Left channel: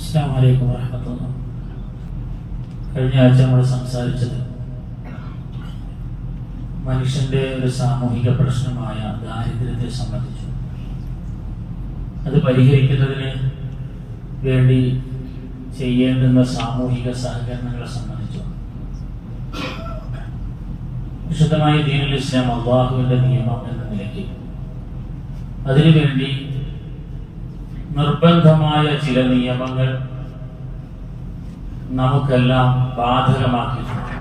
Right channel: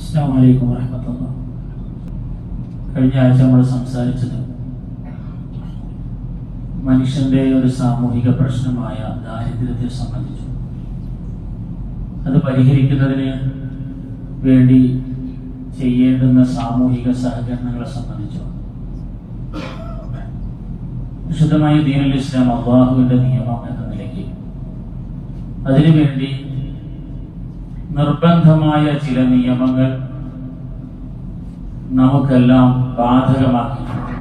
അസ്സലാമു അലൈക്കും വറഹ്മത്തുള്ളാഹി. കഴിഞ്ഞ ആഴ്ച നമ്മൾ സംസാരിച്ചത് മനുഷ്യന്റെ ഒരു സാമൂഹിക പ്രശ്നമായ ദാരിദ്ര്യത്തെ സംബന്ധിച്ചു. അത് പരിഹരിക്കുന്നതിന് വേണ്ടി ചെയ്യേണ്ടുന്ന സാമൂഹിക സഹകരണങ്ങളെ സംബന്ധിച്ചു. വിശുദ്ധമായ ദീനുൽ ഇസ്ലാം അല്ലാഹുവിന്റെ നിയമം എന്ന നിലയ്ക്ക് അതിനുവേണ്ടി നിർബന്ധമായ ചില നിയമങ്ങൾ നമുക്കെല്ലാം ബാധകമാക്കിയിട്ടുണ്ട്.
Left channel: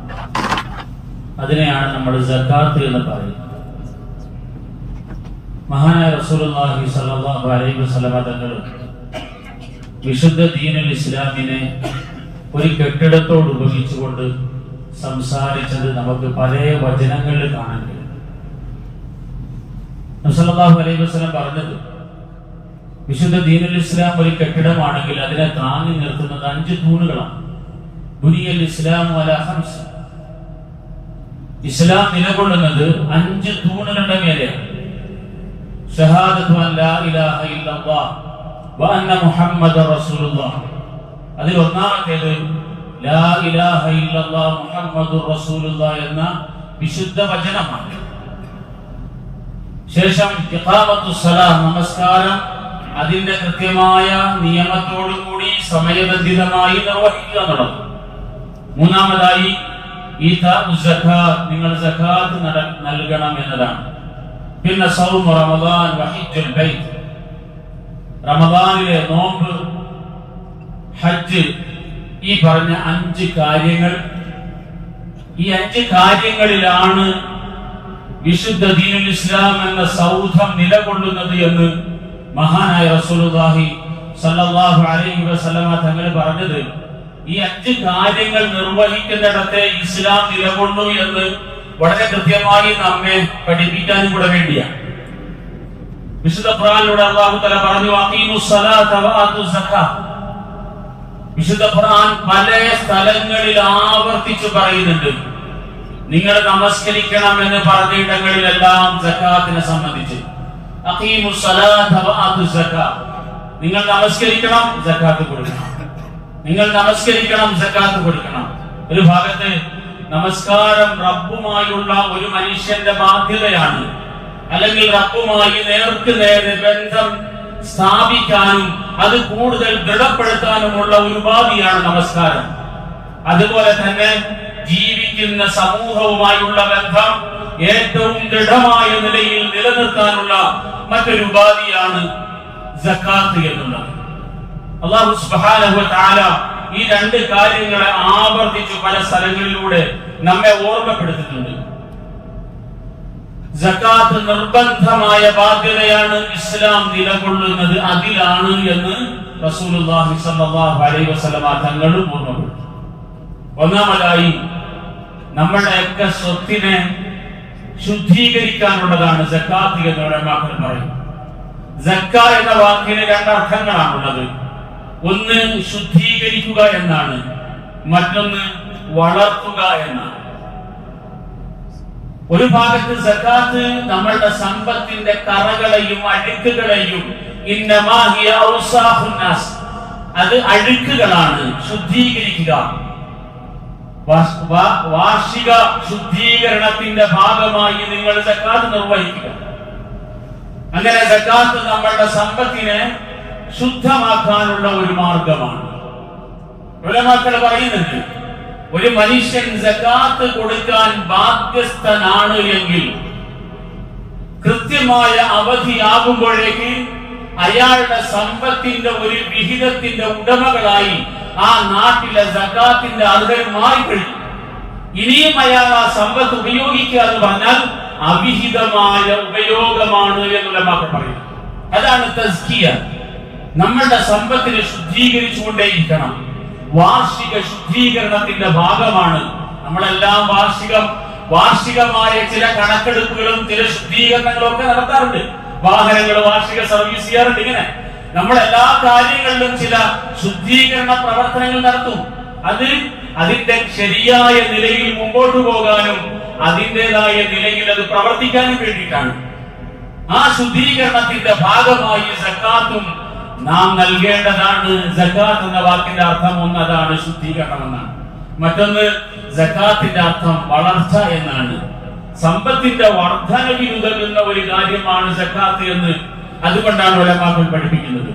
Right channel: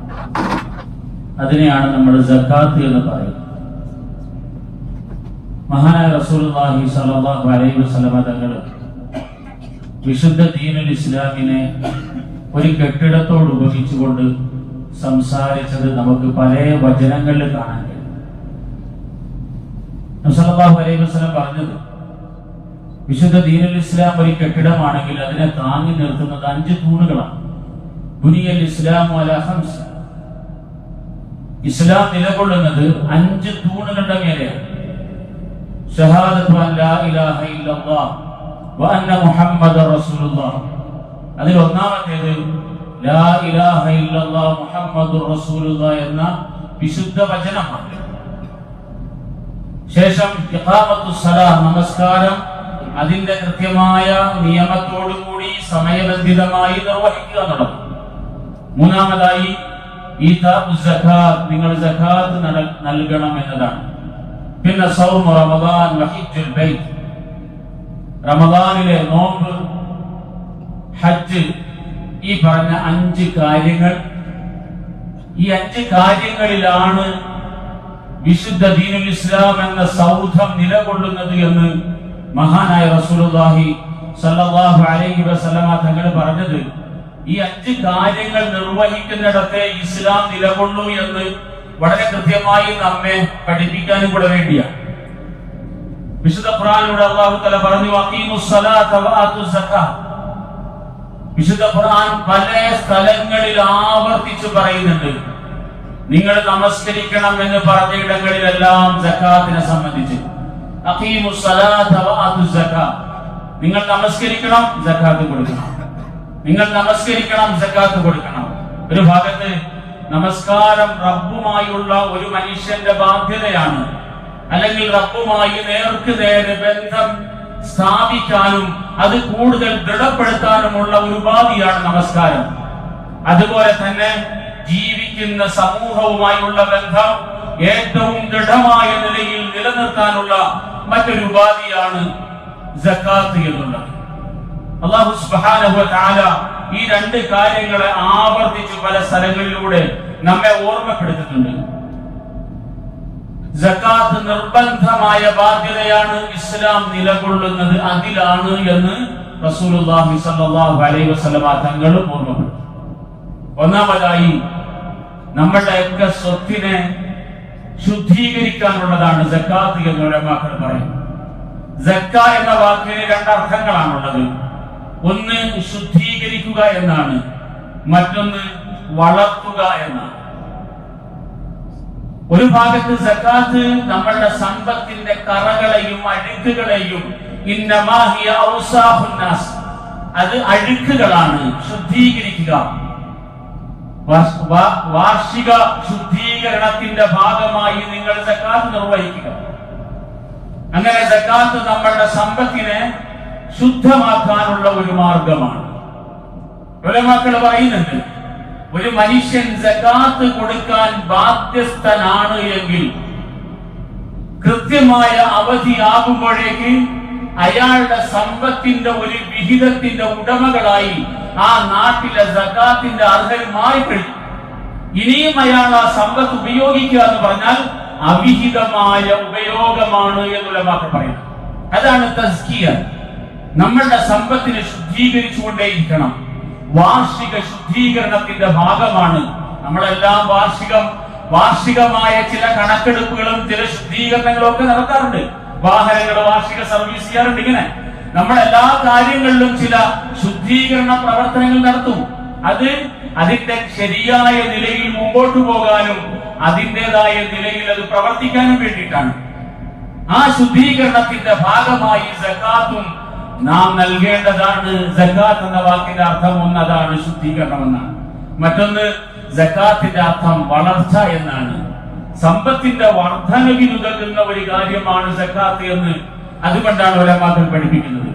അതിനെയാണ് നമ്മൾ സക്കാത്ത് എന്ന് പറയുന്നത്. മഹാനായ റസൂലുള്ളാഹി സ്വല്ലല്ലാഹു അലൈഹി വസല്ലം തങ്ങൾ വിശുദ്ധ ദീനുൽ ഇസ്ലാമിനെ ഒരു കെട്ടിടത്തോട് ഉപമിച്ചുകൊണ്ട് സംസാരിച്ചത് നമുക്ക് പല വചനങ്ങളിൽ കാണാൻ കഴിയും. നബി സല്ലല്ലാഹു അലൈഹി വസല്ലം പറഞ്ഞത്, വിശുദ്ധ ദീനുൽ ഇസ്ലാം ഒരു കെട്ടിടമാണെങ്കിൽ അതിനെ താങ്ങി നിർത്തുന്നത് 5 തൂണുകളാണ്. ബുനിയൽ ഇസ്ലാമു അലാ ഖംസ്. ഇസ്ലാം നിലകൊള്ളുന്നത് 5 തൂണുകളുടെ മേലെയാണ്. ഷഹാദത്തു അൻ ലാ ഇലാഹ ഇല്ലല്ലാഹ് വ അന്ന മുഹമ്മദർ റസൂലുള്ളാഹ്. അതിൽ ഒന്നാമത്തേത് ലാ ഇലാഹ ഇല്ലല്ലാഹ് മുഹമ്മദുർ റസൂലുള്ളാഹ് എന്ന വിശുദ്ധ വചനമാണ്. ശേഷം ഇഖാമത്തുസ് സലാത്ത്, നമസ്കാരം അതിന്റെ കൃത്യമായ നിയമത്തോടുകൂടി സമയബന്ധിതമായി നിർവഹിക്കുക എന്നുള്ളത്. മൂന്നാമതായി സക്കാത്ത്, നിങ്ങൾ സക്കാത്ത് നൽകണം എന്നതാണ്. പിന്നെ സൗമു റമദാൻ വ ഹജ്ജുൽ ബൈത്ത്, റമദാനിലെ നോമ്പ്, ഹജ്ജ്, ഈ പറഞ്ഞ 5 കാര്യങ്ങൾ. ഈ 5 കാര്യങ്ങളിലാണ് വിശുദ്ധ ദീനുൽ ഇസ്ലാം എന്ന സൗധം നിലകൊള്ളുന്നത് എന്ന് മഹാനായ റസൂലുള്ളാഹി സ്വല്ലല്ലാഹു അലൈഹി വസല്ലം തങ്ങൾ പറഞ്ഞത്. ഈ 5 കാര്യങ്ങൾ നിർവഹിക്കുന്നിടത്തെ ഇസ്ലാം നിലകൊള്ളൂ എന്ന് വളരെ കൃത്യമായി നമ്മെ പഠിപ്പിക്കാനും കൂടെ വേണ്ടിയാണ്. വിശുദ്ധ ഖുർആനിലൂടെ അല്ലാഹു തആല പറഞ്ഞു, അഖീമുസ് സലാത്ത വ ആതുസ് സക്കാത്ത്. വിശുദ്ധ ഖുർആൻ പല സ്ഥലങ്ങളിൽ ആവർത്തിച്ച് പറയുന്നുണ്ട്, നിങ്ങൾ നമസ്കരിക്കണം എന്ന് പറഞ്ഞ ഇടങ്ങളിലെല്ലാം സക്കാത്തിനെ സംബന്ധിച്ച്. അഖീമുസ് സലാത്ത വ ആതുസ് സക്കാത്ത്, നിങ്ങൾ നമസ്കരിക്കണം, സക്കാത്ത് കൊടുക്കണം. നിങ്ങൾ നമസ്കരിക്കണം, സക്കാത്ത് കൊടുക്കണം. ഒരു ഭാഗത്ത് നമസ്കാരം റബ്ബുമായുള്ള ഒരു മനുഷ്യന്റെ ബാധ്യതയാണ്, അല്ലെങ്കിൽ റബ്ബുമായി നേർക്ക് നേരെ ബന്ധം സ്ഥാപിക്കാനും അത് കൂടുതൽ ദൃഢപ്പെടുത്താനുമുള്ള ഒരു ഉപാധിയാണ് നമസ്കാരം. അതുപോലെ തന്നെ ജീവിക്കുന്ന സമൂഹവുമായുള്ള ബന്ധം ഏറ്റവും ദൃഢമായ നിലയിൽ നിലനിർത്താനുള്ള മറ്റൊരു ഉപാധിയാണ് സക്കാത്ത് എന്നുള്ളത്. അല്ലാഹു സുബ്ഹാനഹു വ തആല ഈ 2 കാര്യങ്ങളെ ആവർത്തിച്ച് പല സ്ഥലങ്ങളിലൂടെ നമ്മെ ഓർമ്മപ്പെടുത്തിയിട്ടുണ്ട്. സക്കാത്ത് നിർബന്ധമായ ബാധ്യതയാണ്, ഇസ്ലാം നിലകൊള്ളുന്നത് അതിലാണ് എന്ന് റസൂലുള്ളാഹി സ്വല്ലല്ലാഹു അലൈഹി വസല്ലം തങ്ങളും ഓർമ്മപ്പെടുത്തി. ഒന്നാമതായി നമ്മുടെയൊക്കെ സ്വത്തിനെ ശുദ്ധീകരിക്കാനുള്ളതാണ് സക്കാത്ത് എന്ന് ഉലമാക്കൾ പറയുന്നു. സക്ക എന്ന വാക്കിന് 2 അർത്ഥങ്ങളാണുള്ളത്. ഒന്ന് ശുദ്ധീകരിക്കുക എന്നാണ്, മറ്റൊന്ന് വളർത്തുക എന്നാണ്. ഒരു ഭാഗത്ത് സക്കാത്ത് നമ്മളുടെ സമ്പത്തിന്റെ കറകളെയും അഴുക്കുകളെയും, ഇന്നമാ ഹിയ ഔസാഫുൻ നാസ്, അത് അഴുക്കുകളാണ്, ശുദ്ധീകരിക്കുക. വാർഷിക ശുദ്ധീകരണത്തിന്റെ ഭാഗമായി നിങ്ങൾ സക്കാത്ത് നിർവഹിക്കുക. അങ്ങനെ സക്കാത്ത് നമ്മളുടെ സമ്പത്തിനെ ശുദ്ധമാക്കാനുള്ള ഒരു മാർഗമാണ്. ഉലമാക്കൾ പറയുന്നുണ്ട്, ഒരു മനുഷ്യൻ സക്കാത്ത് കൊടുക്കാൻ ബാധ്യസ്ഥനാണ് എങ്കിൽ കൃത്യമായ അവധിയാകുമ്പോഴേക്ക് അയാളുടെ സമ്പത്തിന്റെ ഒരു വിഹിതത്തിന്റെ ഉടമകളായി ആ നാട്ടിലെ സക്കാത്തിന്റെ ആളുകൾ മാറിക്കഴിഞ്ഞു. ഇനിയും അയാൾ ആ സമ്പത്ത് ഉപയോഗിക്കുക എന്ന് പറഞ്ഞാൽ അവിഹിതമായ ഉപയോഗമാണ് എന്ന് ഉലമാക്കൾ പറയുന്നു. അതാണ് തസ്കിയ. നമ്മളുടെ സമ്പത്തിനെ ശുദ്ധീകരിച്ചുകൊണ്ടേയിരിക്കണം. വാർഷിക ശുദ്ധീകരണത്തിന്റെ ഭാഗമാണ് നമ്മളെല്ലാം വാർഷികമായ ചില കണക്കെടുപ്പുകളും ചില ശുദ്ധീകരണങ്ങളും ഒക്കെ നടത്താറുണ്ട്. വാഹനങ്ങൾ വാർഷിക സർവീസ് ചെയ്യാറുണ്ട്. ഇങ്ങനെ നമ്മളെല്ലാ കാര്യങ്ങളിലും ചില ശുദ്ധീകരണ പ്രവർത്തനങ്ങൾ നടത്തും. അത് അതിന്റെ ശരിയായ നിലയിൽ മുമ്പോട്ട് പോകാനും അതിൻ്റെതായ നിലയിൽ അത് പ്രവർത്തിക്കാനും വേണ്ടിയിട്ടാണ്. ആ ശുദ്ധീകരണത്തിന്റെ ഭാഗമായി സക്കാത്തും നാം നൽകേണ്ടതാണ്. സകാത്ത് എന്ന വാക്കിന്റെ അർത്ഥം ഒന്ന് അതാണ്, ശുദ്ധീകരണം എന്നാണ്. മറ്റൊന്ന് സകാത്തിന്റെ അർത്ഥം വളർച്ച എന്നാണ്. സമ്പത്തിന്റെ വർധനവിനുതകുന്ന ഒരു കാര്യമാണ് സകാത്ത് എന്ന് അതുകൊണ്ടാണ് ഉലമാക്കൾ പഠിപ്പിക്കുന്നത്.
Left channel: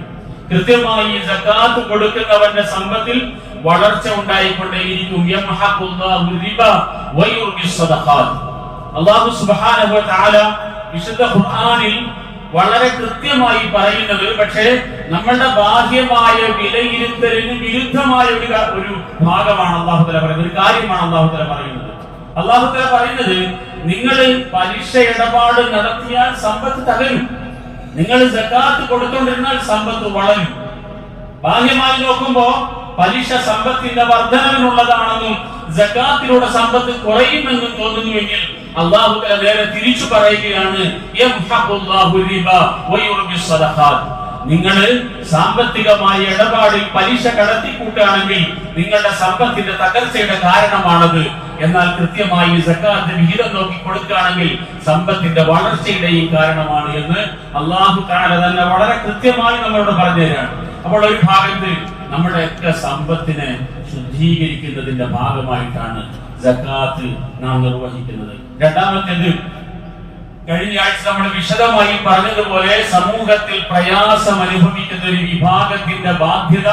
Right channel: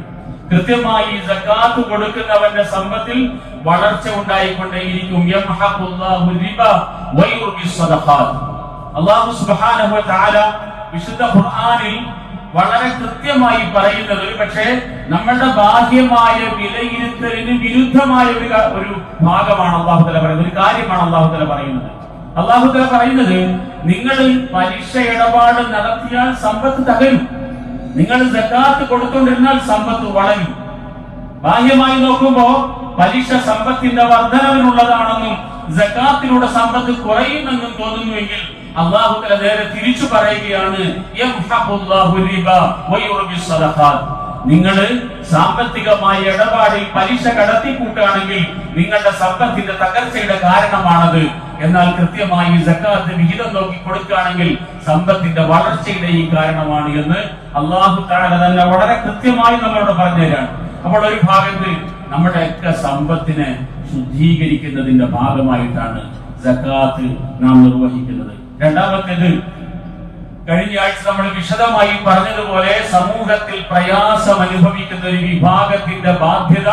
കൃത്യമായി സകാത്ത് കൊടുക്കുന്നവന്റെ സമ്പത്തിൽ വളർച്ച ഉണ്ടായിക്കൊണ്ടേയിരിക്കും. അല്ലാഹു സുബ്ഹാനഹു വ തആല വിശുദ്ധ ഖുർആനിൽ വളരെ കൃത്യമായി പറയുന്നത്, പക്ഷേ നമ്മളുടെ ബാഹ്യമായ വിലയിരുത്തലിന് വിരുദ്ധമായ ഒരു ഭാഗമാണ് അല്ലാഹു തആല പറയുന്നത്, ഒരു കാര്യമാണ് അല്ലാഹു തആല പറയുന്നത്. അല്ലാഹു തആല പറയുന്നത്, നിങ്ങൾ പലിശ ഇടപാട് നടത്തിയാൽ സമ്പത്ത് തകരും, നിങ്ങൾ സകാത്ത് കൊടുത്തുകൊണ്ടിരുന്നാൽ സമ്പത്ത് വളരും. ബാഹ്യമായി നോക്കുമ്പോ പലിശ സമ്പത്തിന്റെ വർധനവിനുള്ളതാണെന്നും സകാത്തിലൂടെ സമ്പത്ത് കുറയുമെന്നും തോന്നുന്നുവെങ്കിൽ അല്ലാഹു തആല നേരെ തിരിച്ചു പറയുകയാണ്, യംഹഖുല്ലാഹു റിബ വയുർബിസ് സദഖാത്ത്. നിങ്ങൾ സാമ്പത്തികമായ ഇടപാടിൽ പലിശ കടത്തിക്കൂട്ടുകയാണെങ്കിൽ നിങ്ങളുടെ സമ്പത്തിന്റെ തകർച്ചയുടെ കാരണമാണത്. എന്നാൽ കൃത്യമായി സകാത്ത് വിഹിതം നോക്കി കൊടുക്കുകയാണെങ്കിൽ സമ്പത്തിന്റെ വളർച്ചയുടെയും കാരണമാണ് എന്ന് അല്ലാഹു തആല തന്നെ വളരെ കൃത്യമായി നമ്മളോട് പറഞ്ഞുതരാണ്. അപ്പോൾ ഒരു ഭാഗത്ത് നമ്മുടെ ഒക്കെ സമ്പത്തിനെ ശുദ്ധീകരിക്കുന്നതിന്റെ ഭാഗമായിട്ടാണ് സകാത്ത് നാം നിർവഹിക്കുന്നത്. രണ്ടാമത്തേത്, കഴിഞ്ഞ ആഴ്ച നമ്മൾ വിശദമായി പറഞ്ഞതുപോലെ സമൂഹത്തിൽ പ്രയാസം അനുഭവിക്കുന്ന ഒരു വിഭാഗത്തിന്റെ ബാധ്യത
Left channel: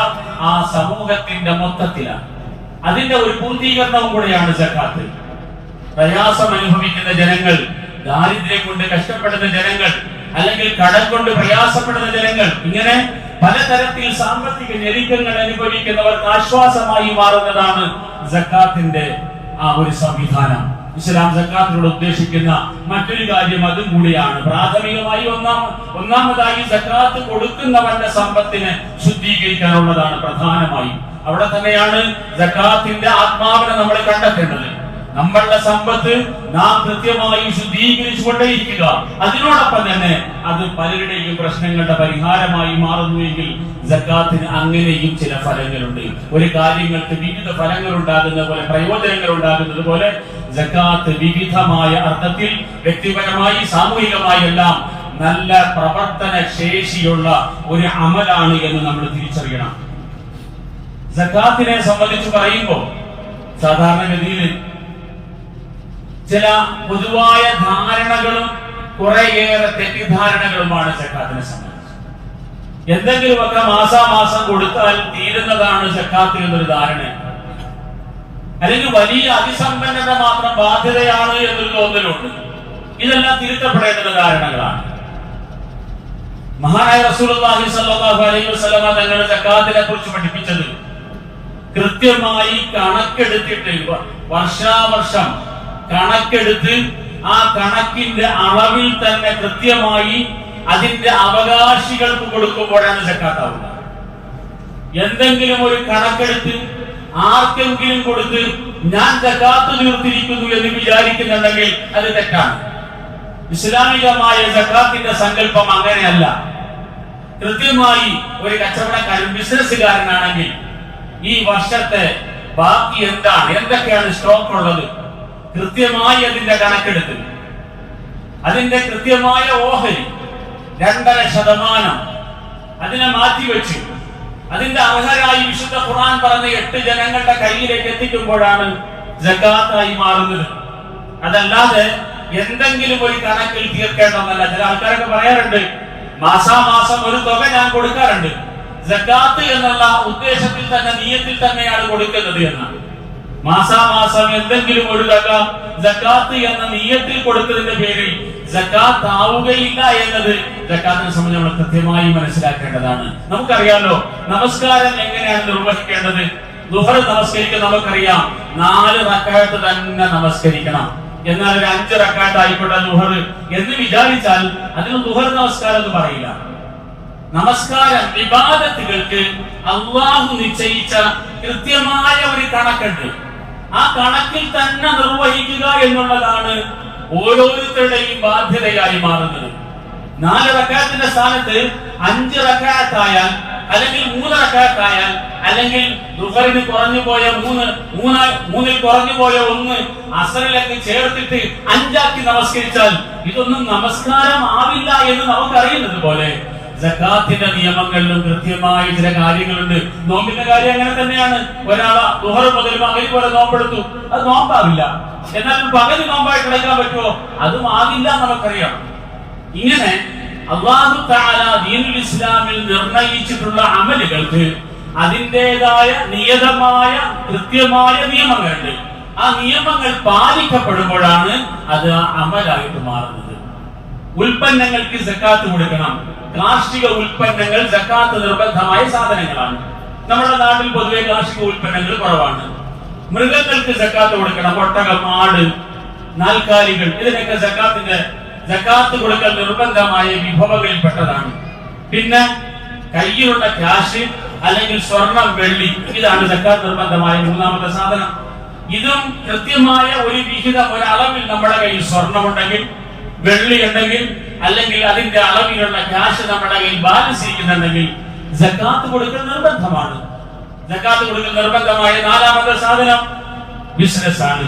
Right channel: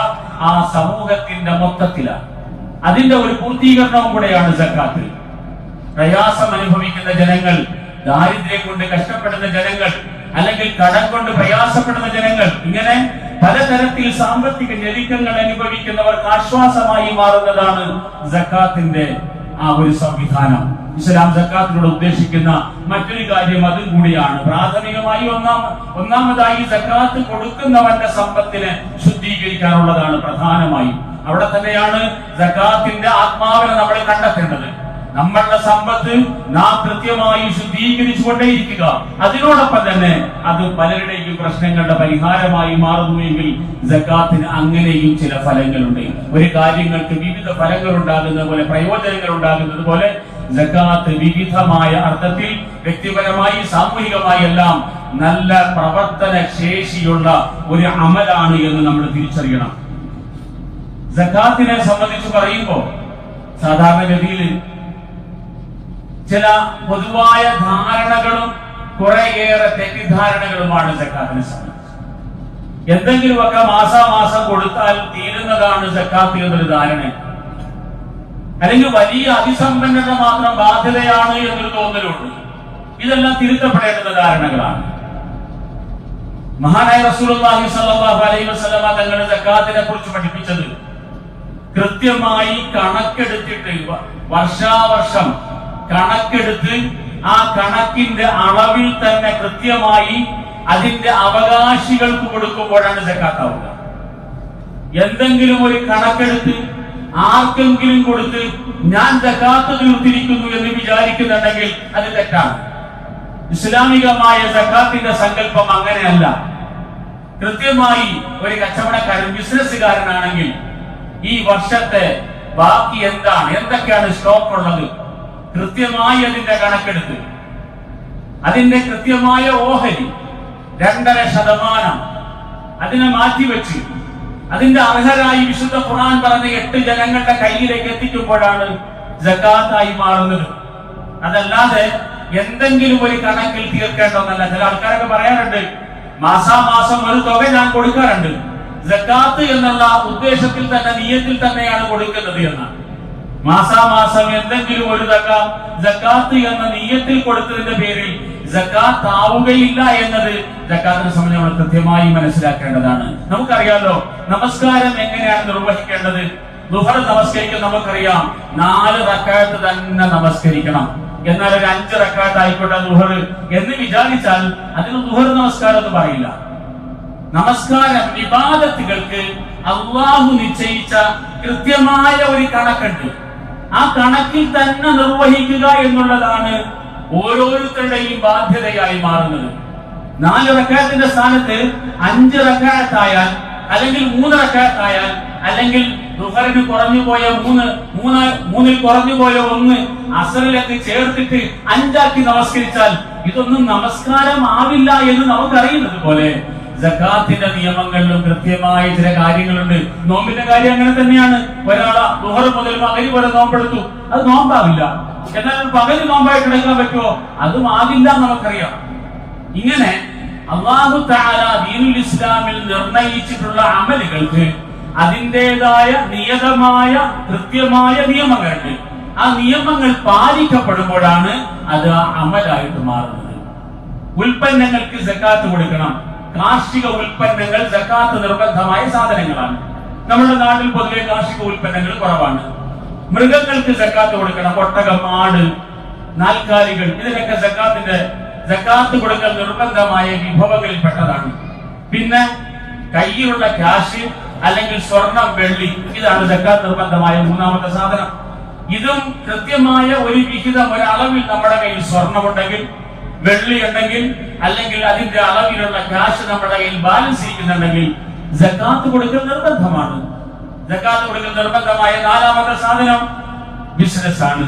ആ സമൂഹത്തിന്റെ മൊത്തത്തിലാണ്. അതിന്റെ ഒരു പൂർത്തീകരണവും കൂടെയാണ് സകാത്ത്. പ്രയാസം അനുഭവിക്കുന്ന ജനങ്ങൾ, ദാരിദ്ര്യം കൊണ്ട് കഷ്ടപ്പെടുന്ന ജനങ്ങൾ, അല്ലെങ്കിൽ കടം കൊണ്ട് പ്രയാസപ്പെടുന്ന ജനങ്ങൾ, ഇങ്ങനെ പലതരത്തിൽ സാമ്പത്തിക ഞെരുക്കങ്ങൾ അനുഭവിക്കുന്നവർക്ക് ആശ്വാസമായി മാറുന്നതാണ് സകാത്തിന്റെ ആ ഒരു സംവിധാനം. ഇസ്ലാം സകാത്തിനോട് ഉദ്ദേശിക്കുന്ന മറ്റൊരു കാര്യം അതും കൂടിയാണ്. പ്രാഥമികമായി ഒന്നാമതായി സകാത്ത് കൊടുക്കുന്നവന്റെ സമ്പത്തിനെ ശുദ്ധീകരിക്കാനുള്ളതാണ് പ്രധാനമായി. അവിടെ തന്നെയാണ് സകാത്തിന്റെ ആത്മാവിനെ നമ്മൾ കണ്ടെത്തേണ്ടത്. നമ്മളുടെ സമ്പത്ത് നാം കൃത്യമായി ശുദ്ധീകരിച്ചുകൊണ്ടേയിരിക്കുക. അതിനോടൊപ്പം തന്നെ അത് പലരുടെയും പ്രശ്നങ്ങളുടെ പരിഹാരമായി മാറുന്നുവെങ്കിൽ സകാത്തിന് അങ്ങനെയും ചില ഫലങ്ങളുണ്ട്. ഒരു കാര്യങ്ങൾക്ക് വിവിധ ഫലങ്ങൾ ഉണ്ടാകുന്ന പോലെ, പ്രയോജനങ്ങൾ ഉണ്ടാകുന്നത് പോലെ സകാത്ത് വിവിധമായ അർത്ഥത്തിൽ വ്യക്തിപരമായി സാമൂഹികമായി എല്ലാം നല്ല പ്രവർത്തന ശേഷിയുള്ള ഒരു അമലാണ് എന്ന് നമ്മൾ തിരിച്ചറിയണം. സകാത്തിനെ സംബന്ധിച്ച് പറയുമ്പോൾ സാധാരണഗതിയിൽ ചില പൊതുവായ ധാരണകളും കുറേയേറെ തെറ്റിദ്ധാരണകളുമാണ് സകാത്തിനെ സംബന്ധിച്ച്. എന്തെങ്കിലുമൊക്കെ മാസാമാസം കൊടുത്താൽ തീരുന്നതാണ് സകാത്ത് എന്നൊരു ധാരണ, അല്ലെങ്കിൽ വലിയ അതിസമ്പന്നത മാത്രം ബാധ്യതയാണ് എന്നൊരു തോന്നലുണ്ട്. ഇതെല്ലാം തിരുത്തപ്പെടേണ്ടുന്ന ധാരണകളാണ്. മഹാനായ റസൂലുള്ളാഹി സ്വല്ലല്ലാഹു അലൈഹി വസല്ലമ തങ്ങളുടെ സകാത്തിനെ കുറിച്ച് പഠിപ്പിച്ചത് കൃത്യമായി കണക്കെടുത്തിട്ട്, വർഷാവർഷം കണക്കെടുത്ത് ആ കണക്കിന്റെ അളവിൽ തന്നെ കൃത്യമായി അതിന്റെ അവകാശികൾക്ക് കൊടുക്കുമ്പോഴാണ് സകാത്ത് ആവുക. എന്തെങ്കിലും ഒരു കണക്കെടുത്ത് ആർക്കെങ്കിലും കൊടുത്ത് ഞാൻ സകാത്ത് തീർത്തിരിക്കുന്നു എന്ന് വിചാരിക്കുന്നുണ്ടെങ്കിൽ അത് തെറ്റാണ്. ഇസ്ലാമികമായ സകാത്തിന്റെ സങ്കല്പം അങ്ങനെയല്ല. കൃത്യമായി ഒരു കച്ചവടക്കാരൻ, ബിസിനസ്സുകാരനാണെങ്കിൽ ഈ വർഷത്തെ ബാക്കി എന്താണ്, എന്തൊക്കെയാണ് സ്റ്റോക്ക് ഉള്ളത്, കൃത്യമായി അതിന്റെ കണക്കെടുത്ത് അതിന്റെ കൃത്യമായ ഓഹരി 2.5% അതിനെ മാറ്റിവെച്ച് അതിന്റെ അർഹരായി വിശുദ്ധ ഖുർആൻ പറഞ്ഞ 8 ജനങ്ങളുടെ കയ്യിലേക്ക് എത്തിക്കുമ്പോഴാണ് സകാത്തായി മാറുന്നത്. അതല്ലാതെ എന്തെങ്കിലും ഒരു കണക്കിൽ തീർക്കേണ്ടതല്ല. ചില ആൾക്കാരൊക്കെ പറയാറുണ്ട്, മാസാമാസം ഒരു തുക ഞാൻ കൊടുക്കാറുണ്ട്, സകാത്ത് എന്നുള്ള ഉദ്ദേശത്തിൽ തന്നെ, നിയത്തിൽ തന്നെയാണ് കൊടുക്കുന്നത് എന്നാണ്. മാസാമാസം എന്തെങ്കിലും ഒരു തുക സകാത്ത് എന്ന നിയത്തിൽ കൊടുത്തതിന്റെ പേരിൽ സകാത്ത് ആവുകയില്ല എന്നത് സകാത്തിനെ സംബന്ധിച്ച് നമ്മൾ കൃത്യമായി മനസ്സിലാക്കേണ്ടതാണ്. നമുക്കറിയാമല്ലോ നമസ്കാരം എങ്ങനെയാണ് നിർവഹിക്കേണ്ടത്. ദുഹർ നമസ്കരിക്കാൻ നമുക്കറിയാം 4 റക്അത്ത് തന്നെ നമസ്കരിക്കണം. എന്നാൽ ഒരു 5 റക്അത്ത് ആയിക്കോട്ടെ ദുഹർ എന്ന് വിചാരിച്ചാൽ അതിന് ദുഹർ നമസ്കാരം എന്ന് പറയില്ല. നമസ്കാരം ഇബാദത്തുകൾക്ക് അല്ലാഹു നിശ്ചയിച്ച കൃത്യമായ ഒരു കണക്കുണ്ട്. ആ കണക്കിൽ തന്നെ നിർവഹിക്കുക എന്നുള്ളതാണ് ഓരോരുത്തരുടെയും ബാധ്യതയായി മാറുന്നത്. 4 റക്അത്തിന്റെ സ്ഥാനത്ത് 5 റക്അത്തായാൽ, അല്ലെങ്കിൽ 3 റക്അത്തായാൽ, അല്ലെങ്കിൽ ദുഹറിന് കുറഞ്ഞു പോയ 3 കുറഞ്ഞു പോയ 1 അസറിലേക്ക് ചേർത്തിട്ട് 5 ആക്കി നമസ്കരിച്ചാൽ ഇതൊന്നും നമസ്കാരം ആവില്ല എന്ന് നമുക്കറിയുന്നത് പോലെ സക്കാത്തിന്റെ നിയമങ്ങളിലും കൃത്യമായ ചില കാര്യങ്ങളുണ്ട്. നോമ്പിന്റെ കാര്യം അങ്ങനെ തന്നെയാണ്. ഒരാളെ ദുഹർ മുതൽ മഗ്‌രിബ് വരെ നോമ്പെടുത്തു, അത് നോമ്പാവില്ല. എന്നാൽ പകല് നോമ്പായിട്ട് എടുക്കാൻ പറ്റുമോ? അതും ആകില്ല നമുക്കറിയാം. ഇങ്ങനെ അല്ലാഹു തആല ദീനുൽ ഇസ്ലാമിൽ നിർണയിച്ചിട്ടുള്ള അമലുകൾക്ക് അതിൻ്റെതായ നിയതമായ കൃത്യമായ നിയമങ്ങളുണ്ട്. ആ നിയമങ്ങൾ പാലിക്കപ്പെടുമ്പോഴാണ് അത് അമലായിട്ട് മാറുന്നത്. ഉൽപ്പന്നങ്ങൾക്ക് സക്കാത്ത് കൊടുക്കണം. കാർഷിക ഉൽപ്പന്നങ്ങൾ സക്കാത്ത് നിർബന്ധമായ സാധനങ്ങളാണ്. നമ്മുടെ നാട്ടിൽ പൊതുവെ കാർഷിക ഉൽപ്പന്നങ്ങൾ കുറവാണ്. മൃഗങ്ങൾക്ക് സക്കാത്ത് കൊടുക്കണം. ഒട്ടകം, ആട്, നാൽക്കാലികൾ, ഇതിനൊക്കെ സക്കാത്ത് കൊടുക്കൽ നിർബന്ധമായ വിഭവങ്ങളിൽപ്പെട്ടതാണ്. പിന്നെ കയ്യിലുള്ള ക്യാഷ് അല്ലെങ്കിൽ സ്വർണം, വെള്ളി, ഇതാണ് സക്കാത്ത് നിർബന്ധമായ മൂന്നാമത്തെ സാധനം. ഇതും കൃത്യമായ ഒരു വിഹിതം, ഒരളവിൽ നമ്മുടെ കയ്യിൽ സ്വർണമുണ്ടെങ്കിൽ, വെള്ളി ഉണ്ടെങ്കിൽ, അല്ലെങ്കിൽ അതിന്റെ അളവിലുള്ള ക്യാഷ് നമ്മുടെ കയ്യിൽ ബാലൻസ് ചെയ്യുന്നുണ്ടെങ്കിൽ സക്കാത്ത് കൊടുക്കൽ നിർബന്ധമാണ്. സക്കാത്ത് കൊടുക്കൽ നിർബന്ധമായ നാലാമത്തെ സാധനം ബിസിനസ് ആണ്.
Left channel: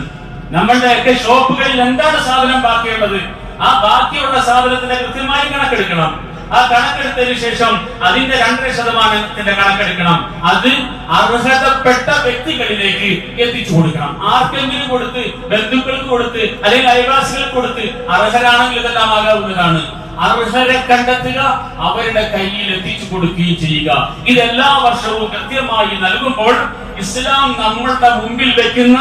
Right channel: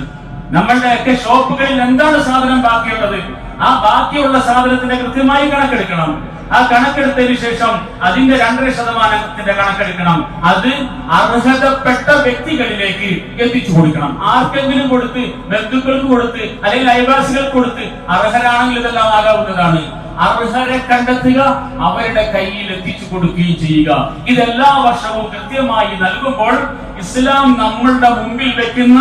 നമ്മളുടെയൊക്കെ ഷോപ്പുകളിൽ എന്താണ് സാധനം ബാക്കിയുള്ളത്, ആ ബാക്കിയുള്ള സാധനത്തിന്റെ കൃത്യമായി കണക്കെടുക്കണം. ആ കണക്കെടുത്തതിന് ശേഷം അതിന്റെ 2.5% കണക്കെടുക്കണം. അത് അർഹതപ്പെട്ട വ്യക്തികളിലേക്ക് എത്തിച്ചു കൊടുക്കണം. ആർക്കെങ്കിലും കൊടുത്ത്, ബന്ധുക്കൾക്ക് കൊടുത്ത്, അല്ലെങ്കിൽ അയൽവാസികൾക്ക് കൊടുത്ത്, അർഹരാണെങ്കിൽ ഇതെല്ലാം ആകാവുന്നതാണ്. അർഹരെ കണ്ടെത്തുക, അവരുടെ കയ്യിൽ എത്തിച്ചു കൊടുക്കുകയും ചെയ്യുക. ഇതെല്ലാ വർഷവും കൃത്യമായി നൽകുമ്പോൾ ഇസ്ലാം നമ്മളുടെ മുമ്പിൽ വെക്കുന്ന